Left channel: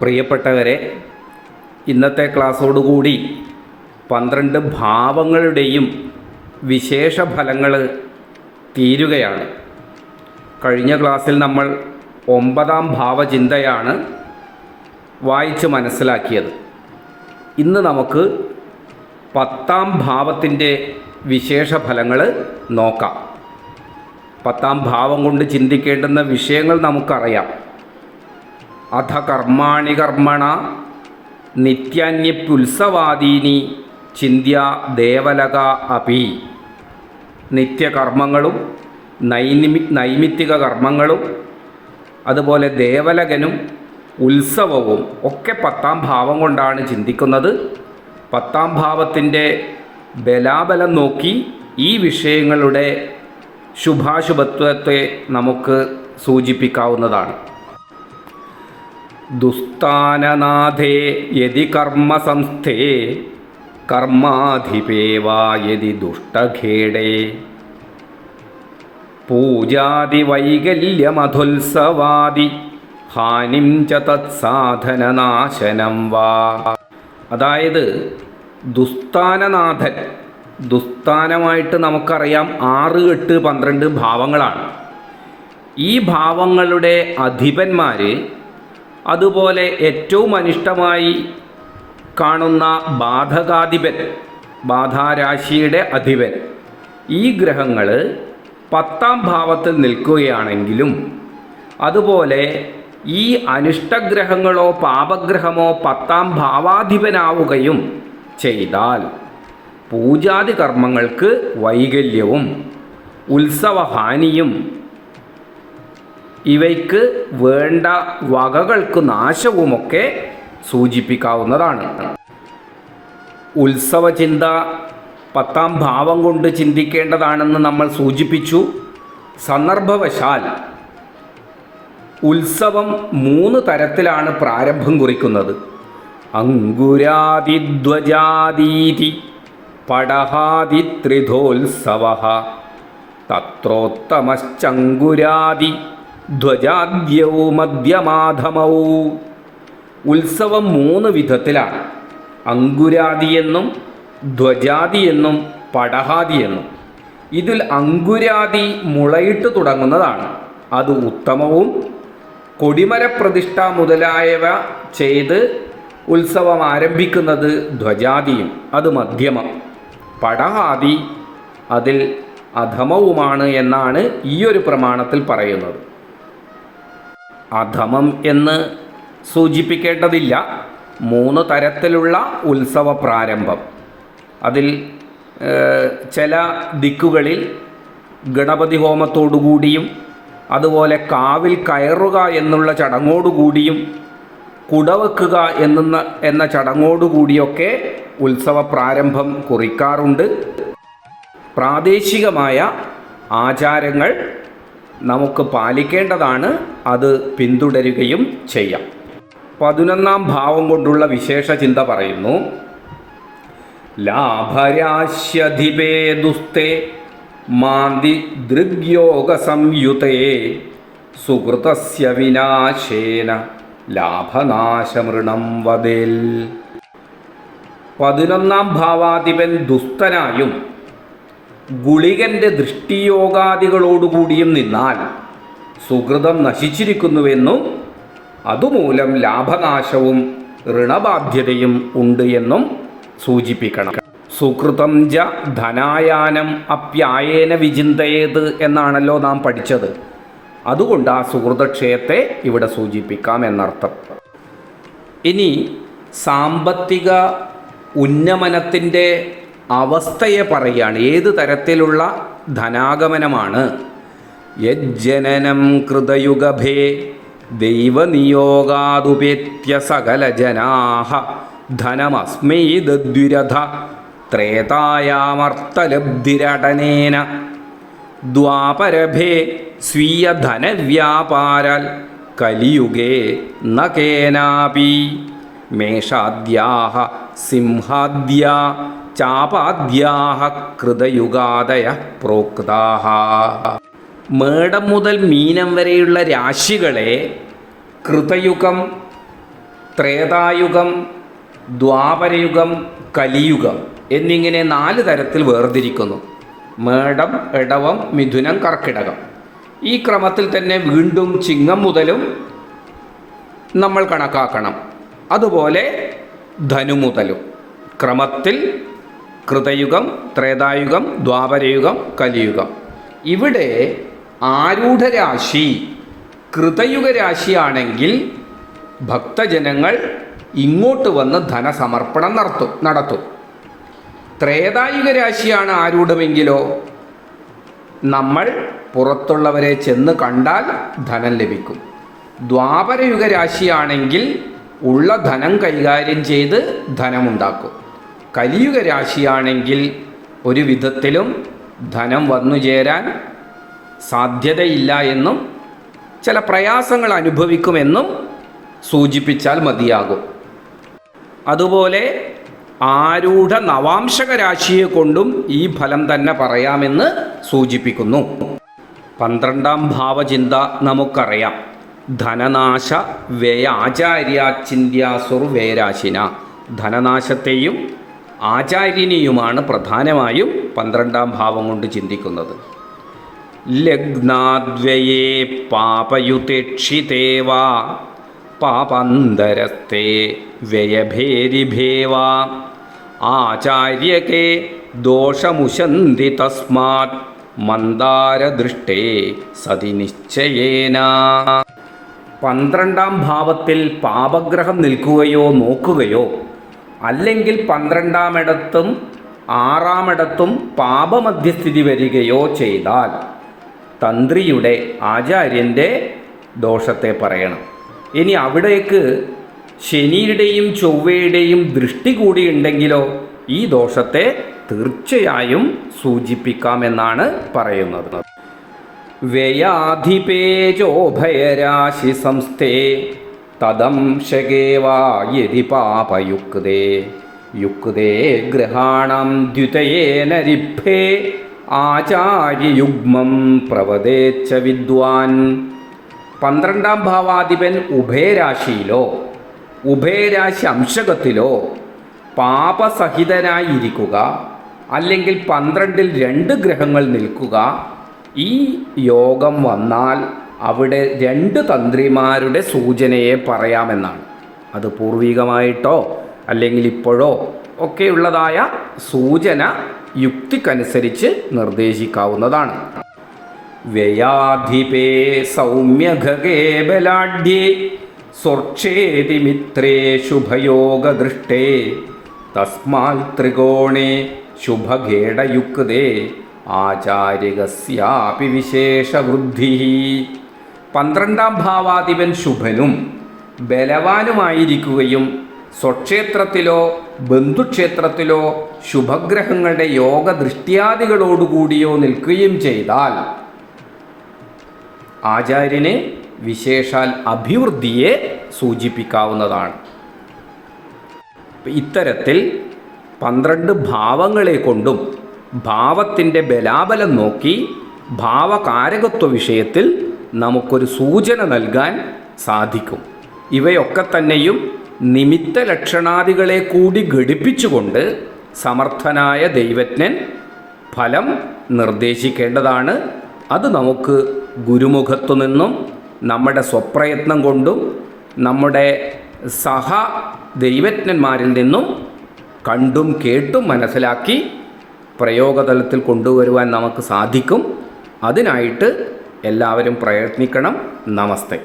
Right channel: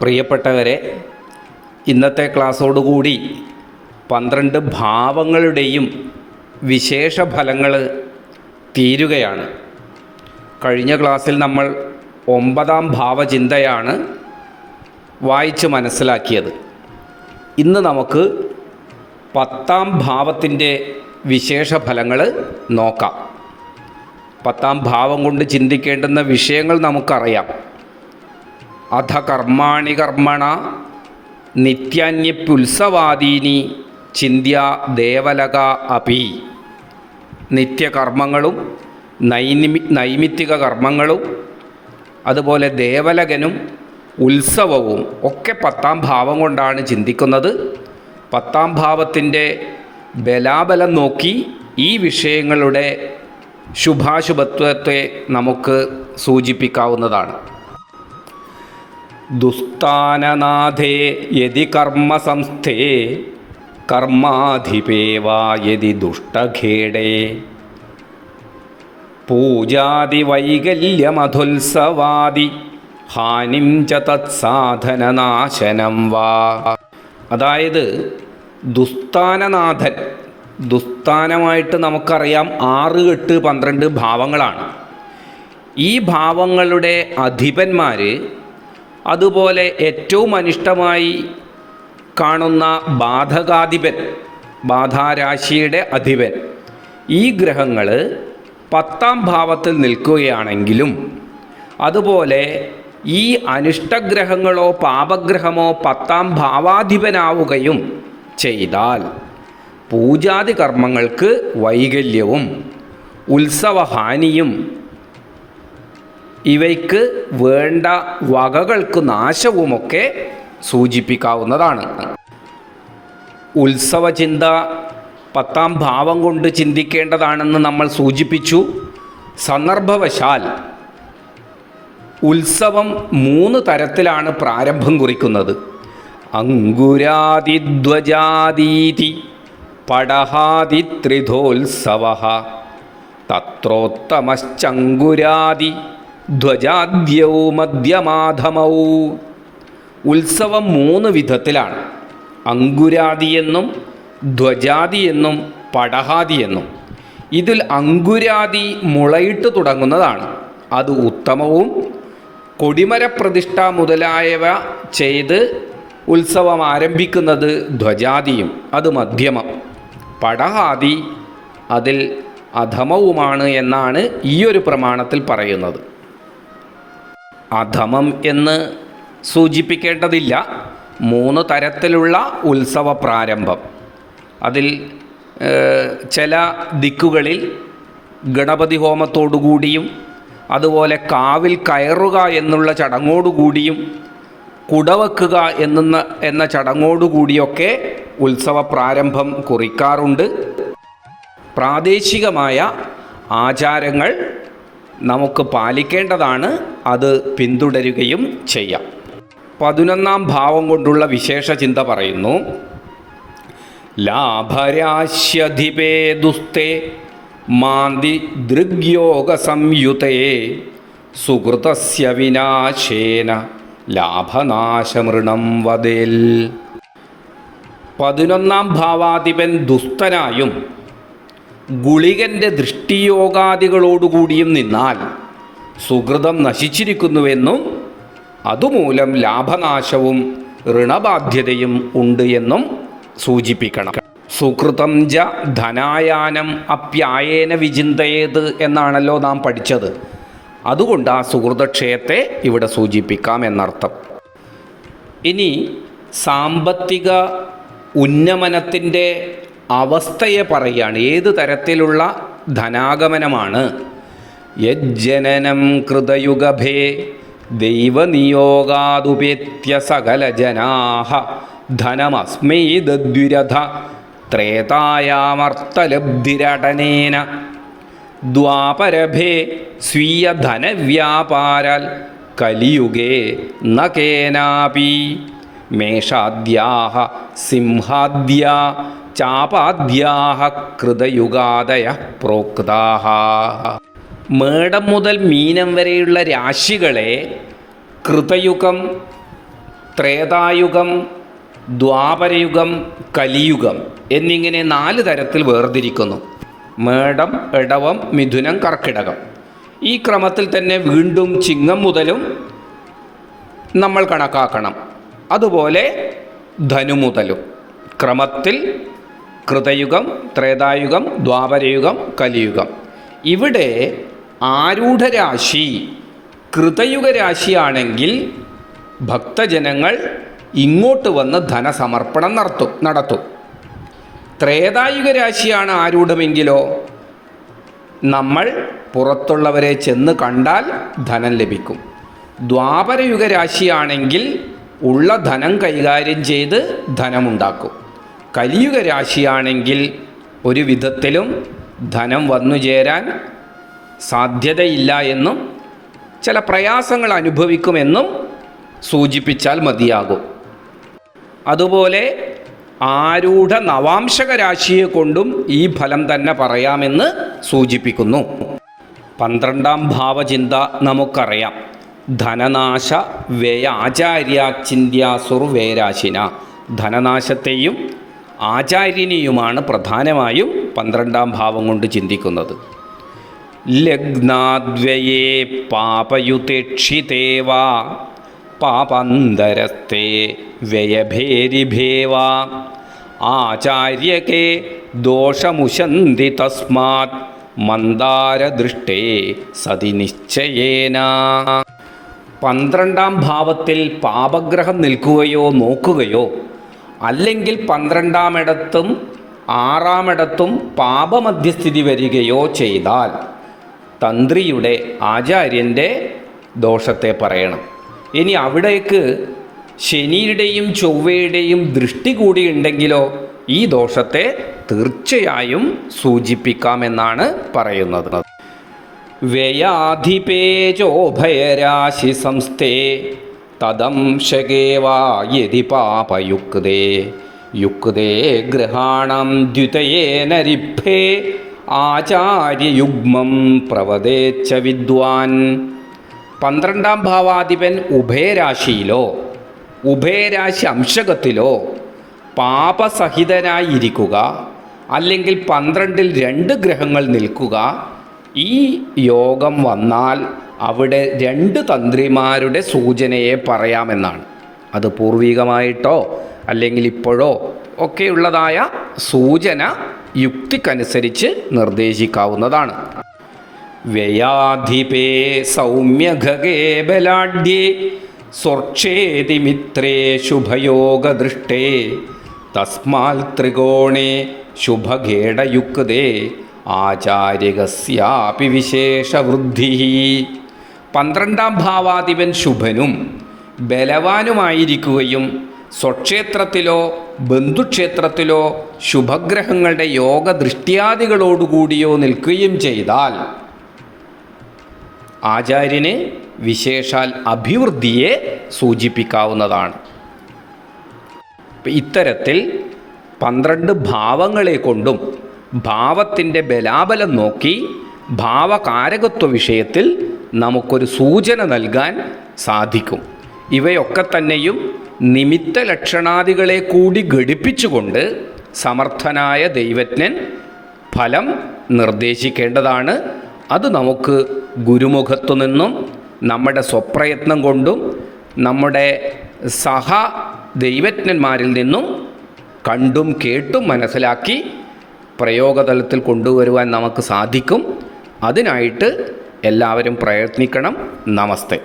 പ്രിയപ്പെട്ടവരെ, ഇന്നത്തെ ക്ലാസ്സോടുകൂടി 12 ഭാവങ്ങളുടെയും വിശേഷ ഫലങ്ങൾ തീരുകയാണ്. കഴിഞ്ഞ ക്ലാസ്സിൽ നമ്മൾ 9ാം ഭാവചിന്തയാണ് വായിച്ച് മനസ്സിലാക്കിയത്. ഇന്ന് നമുക്ക് 10ാം ഭാവത്തിൻ്റെ വിശേഷ ഫലങ്ങൾ നോക്കാം. 10ാം ഭാവം കൊണ്ട് ചിന്തിക്കേണ്ടുന്ന വിഷയങ്ങൾ നമുക്കറിയാം. അധ കർമാണി കർമ്മണ നിത്യാന്യപ്യുത്സവാദീനി ചിന്ത്യ ദേവലക അപി. നിത്യകർമ്മങ്ങളും നൈമിത്തിക കർമ്മങ്ങളും അതുപോലെ ദേവലകനും ഉത്സവവും ഒക്കെ 10ാം ഭാവം കൊണ്ടാണ് ചിന്തിക്കുന്നത്. 10ാം ഭാവത്തിൻ്റെ ബലാബലം നോക്കി ഈ വിഷയങ്ങളുടെ ശുഭാശുഭത്വത്തെ നമുക്ക് സൂചിപ്പിക്കാവുന്നതാണ്. ദുസ്ഥാനനാഥേ യതി കർമ്മസംസ്ഥേ കർമാധിപേ വാ യതി ദുഷ്ടഖേടേ പൂജാതി വൈകല്യമധുത്സവാദി ഹാനിം ച തത്സാധനനാശനം വാ. അതായത് ദുസ്ഥാനനാഥൻ, ദുസ്ഥാനമായിട്ട് നമുക്കറിയാം 6, 8, 12 ഭാവങ്ങളാണ്. ഈ ഭാവങ്ങളുടെ അധിപന്മാർ, അതുപോലെ ഏറ്റവും അനിഷ്ടമായി കാണുന്ന ബാധകാധിപൻ, ബാധാരാശിയുടെ അധിപൻ, ഈ ഗ്രഹങ്ങൾ 10ാം ഭാവത്തിൽ നിൽക്കുകയാണെങ്കിലും അതുപോലെ ഈ അനിഷ്ടഗ്രഹങ്ങളോ പാപഗ്രഹമോ 10ാം ഭാവാധിപനാവുകയും ചെയ്താൽ പൂജാതി കർമ്മങ്ങൾക്ക് വൈകല്യവും ഉത്സവഹാനിയും ഇവയ്ക്ക് വേണ്ട വകകൾക്ക് നാശവുമൊക്കെ സൂചിപ്പിക്കാവുന്നതാണ്. ഉത്സവചിന്ത 10ാം ഭാവം കൊണ്ട് ചിന്തിക്കേണ്ടതാണെന്ന് നമ്മൾ സൂചിപ്പിച്ചു. സന്ദർഭവശാൽ ഉത്സവം 3 തരത്തിലാണ് പ്രാരംഭം കുറിക്കുന്നത്. അങ്കുരാദിധ്വജാദീതി പടഹാദി ത്രിധോത്സവഃ തത്രോത്തമശ്ചങ്കുരാദി ധ്വജാദ്യൗ മധ്യമാധമൗ. ഉത്സവം 3 വിധത്തിലാണ്. അങ്കുരാദി എന്നും ധ്വജാദി എന്നും പടഹാദി എന്നും. ഇതിൽ അങ്കുരാദി മുളയിട്ട് തുടങ്ങുന്നതാണ്, അത് ഉത്തമവും. കൊടിമരപ്രതിഷ്ഠ മുതലായവ ചെയ്ത് ഉത്സവം ആരംഭിക്കുന്നത് ധ്വജാദിയും, അത് മധ്യമം. പടഹാദി അതിൽ അധമവുമാണ് എന്നാണ് ഈയൊരു പ്രമാണത്തിൽ പറയുന്നത്. അധമം എന്ന് സൂചിപ്പിക്കേണ്ടതില്ല. 3 തരത്തിലുള്ള ഉത്സവ പ്രാരംഭം. അതിൽ ചില ദിക്കുകളിൽ ഗണപതി ഹോമത്തോടുകൂടിയും അതുപോലെ കാവിൽ കയറുക എന്നുള്ള ചടങ്ങോടുകൂടിയും കുടവെക്കുക എന്ന ചടങ്ങോടുകൂടിയൊക്കെ ഉത്സവ പ്രാരംഭം കുറിക്കാറുണ്ട്. പ്രാദേശികമായ ആചാരങ്ങൾ നമുക്ക് പാലിക്കേണ്ടതാണ്, അത് പിന്തുടരുകയും ചെയ്യാം. 11ാം ഭാവം കൊണ്ടുള്ള വിശേഷ ചിന്ത പറയുന്നു. ലാഭരാശ്യധിപേ ദുസ്തേ മാന്തി ദൃഗ്യോഗ സംയുതേ സുകൃതസ്യ വിനാശേന ലാഭനാശമൃണം വദേൽ. 11ാം ഭാവാധിപൻ ദുസ്തനായും ഗുളികൻ്റെ ദൃഷ്ടിയോഗാദികളോടുകൂടിയും നിന്നാൽ സുകൃതം നശിച്ചിരിക്കുന്നുവെന്നും അതുമൂലം ലാഭനാശവും ഋണബാധ്യതയും ഉണ്ട് എന്നും സൂചിപ്പിക്കണം. സുകൃതം ജ ധനായാനം അപ്യായേന വിചിന്തയേത് എന്നാണല്ലോ നാം പഠിച്ചത്. അതുകൊണ്ട് ആ സുഹൃതക്ഷയത്തെ ഇവിടെ സൂചിപ്പിക്കാം എന്നർത്ഥം. ഇനി സാമ്പത്തിക ഉന്നമനത്തിൻ്റെ അവസ്ഥയെ പറയുകയാണ്. ഏത് തരത്തിലുള്ള ധനാഗമനമാണ്? യജ്ജനനം കൃതയുഗഭേ ദൈവനിയോഗാദുപേത്യ സകല ജനാഹ ധനമസ്മൈ ദദ്വിരഥ ത്രേതായാമർത്ഥലബ്ധിരടനേന ദ്വാപരഭേ സ്വീയധനവ്യാപാരാൽ കലിയുഗേ ന കേനാപി മേഷാദ്യാഹ സിംഹാദ്യാ ചാപാദ്യാഹ കൃതയുഗാദയ പ്രോക്താഹ. മേടം മുതൽ മീനം വരെയുള്ള രാശികളെ കൃതയുഗം ത്രേതായുഗം, ദ്വാപരയുഗം, കലിയുഗം എന്നിങ്ങനെ 4 തരത്തിൽ വേർതിരിക്കുന്നു. മേടം, ഇടവം, മിഥുനം, കർക്കിടകം. ഈ ക്രമത്തിൽ തന്നെ വീണ്ടും ചിങ്ങം മുതലും നമ്മൾ കണക്കാക്കണം. അതുപോലെ ധനു മുതലും ക്രമത്തിൽ കൃതയുഗം, ത്രേതായുഗം, ദ്വാപരയുഗം, കലിയുഗം. ഇവിടെ ആരൂഢരാശി കൃതയുഗ രാശിയാണെങ്കിൽ ഭക്തജനങ്ങൾ ഇങ്ങോട്ട് വന്ന് ധനസമർപ്പണം നടത്തും. ത്രേതായുഗ രാശിയാണ് ആരൂഢമെങ്കിലോ നമ്മൾ പുറത്തുള്ളവരെ ചെന്ന് കണ്ടാൽ ധനം ലഭിക്കും. ദ്വാപരയുഗ രാശിയാണെങ്കിൽ ഉള്ള ധനം കൈകാര്യം ചെയ്ത് ധനമുണ്ടാക്കും. കലിയുഗ രാശിയാണെങ്കിൽ ഒരു വിധത്തിലും ധനം വന്നു ചേരാൻ സാധ്യതയില്ല എന്നും ചില പ്രയാസങ്ങൾ അനുഭവിക്കുമെന്നും സൂചിപ്പിച്ചാൽ മതിയാകും. അതുപോലെ ആരൂഢ നവാംശക രാശിയെ കൊണ്ടും ഈ ഫലം തന്നെ പറയാമെന്ന് സൂചിപ്പിക്കുന്നു. 12ാം ഭാവചിന്ത നമുക്കറിയാം. ധനനാശ വ്യയാചാര്യാചിന്യാസുർ വേരാശിന. ധനനാശത്തെയും ആചാര്യനെയുമാണ് പ്രധാനമായും 12ാം ഭാവം കൊണ്ട് ചിന്തിക്കുന്നത്. ലഗ്നാദ്വയേ പാപയുതേക്ഷിതേവാ പാപന്തരസ്തേ വ്യയഭേരിഭേവ ആചാര്യകേ ദോഷമുശന്തി തസ്മാത് മന്ദാരദൃഷ്ടേ സതി നിശ്ചയേന. 12ാം ഭാവത്തിൽ പാപഗ്രഹം നിൽക്കുകയോ നോക്കുകയോ അല്ലെങ്കിൽ 12ാം ഇടത്തും 6ാം ഇടത്തും പാപമധ്യസ്ഥിതി വരികയോ ചെയ്താൽ തന്ത്രിയുടെ ആചാര്യൻ്റെ ദോഷത്തെ പറയണം. ഇനി അവിടേക്ക് ശനിയുടെയും ചൊവ്വയുടെയും ദൃഷ്ടി കൂടി ഉണ്ടെങ്കിലോ ഈ ദോഷത്തെ തീർച്ചയായും സൂചിപ്പിക്കാമെന്നാണ് പറയുന്നത്. വ്യയാധിപേജോഭയരാശി സംസ്ഥേ തദംശകേവാ യതി പാപയുക്തേ യുക്തേ ഗ്രഹാണം ദ്വിതയേന രിഭ്യേ ആചാര്യയുഗ്മം പ്രവദേച്ച വിദ്വാൻ. 12ാം ഭാവാധിപൻ ഉഭയരാശിയിലോ ഉഭയരാശി അംശകത്തിലോ പാപസഹിതനായിരിക്കുക അല്ലെങ്കിൽ 12ൽ 2 ഗ്രഹങ്ങൾ നിൽക്കുക, ഈ യോഗം വന്നാൽ അവിടെ 2 തന്ത്രിമാരുടെ സൂചനയെ പറയാമെന്നാണ്. അത് പൂർവികമായിട്ടോ അല്ലെങ്കിൽ ഇപ്പോഴോ ഒക്കെയുള്ളതായ സൂചന യുക്തിക്കനുസരിച്ച് നിർദ്ദേശിക്കാവുന്നതാണ്. വ്യയാധിപേ സൗമ്യഘകേ ബലാഢ്യേ സ്വർക്ഷേതി മിത്രേ ശുഭയോഗദൃഷ്ടേ തസ്മാൽ ത്രികോണേ ശുഭഘേടയുക്തേ ആചാര്യകസ്യാപി വിശേഷവൃദ്ധി. 12ാം ഭാവാധിപൻ ശുഭനും ബലവാനുമായിരിക്കുകയും സ്വക്ഷേത്രത്തിലോ ബന്ധുക്ഷേത്രത്തിലോ ശുഭഗ്രഹങ്ങളുടെ യോഗദൃഷ്ട്യാദികളോടുകൂടിയോ നിൽക്കുകയും ചെയ്താൽ ആചാര്യന് വിശേഷാൽ അഭിവൃദ്ധിയെ സൂചിപ്പിക്കാവുന്നതാണ്. ഇത്തരത്തിൽ 12 ഭാവങ്ങളെ കൊണ്ടും ഭാവത്തിൻ്റെ ബലാബലം നോക്കി ഭാവകാരകത്വ വിഷയത്തിൽ നമുക്കൊരു സൂചന നൽകാൻ സാധിക്കും. ഇവയൊക്കെ തന്നെയും നിമിത്ത ലക്ഷണാദികളെ കൂടി ഘടിപ്പിച്ചുകൊണ്ട് സമർത്ഥനായ ദൈവജ്ഞൻ ഫലം നിർദ്ദേശിക്കേണ്ടതാണ്. അത് നമുക്ക് ഗുരുമുഖത്തു നിന്നും നമ്മുടെ സ്വപ്രയത്നം കൊണ്ടും നമ്മുടെ സഹ ദൈവജ്ഞന്മാരിൽ നിന്നും കണ്ടും കേട്ടും മനസ്സിലാക്കി പ്രയോഗതലത്തിൽ കൊണ്ടുവരുവാൻ നമുക്ക് സാധിക്കും. അതിനായിട്ട് എല്ലാവരും പ്രയത്നിക്കണം. നമസ്തേ.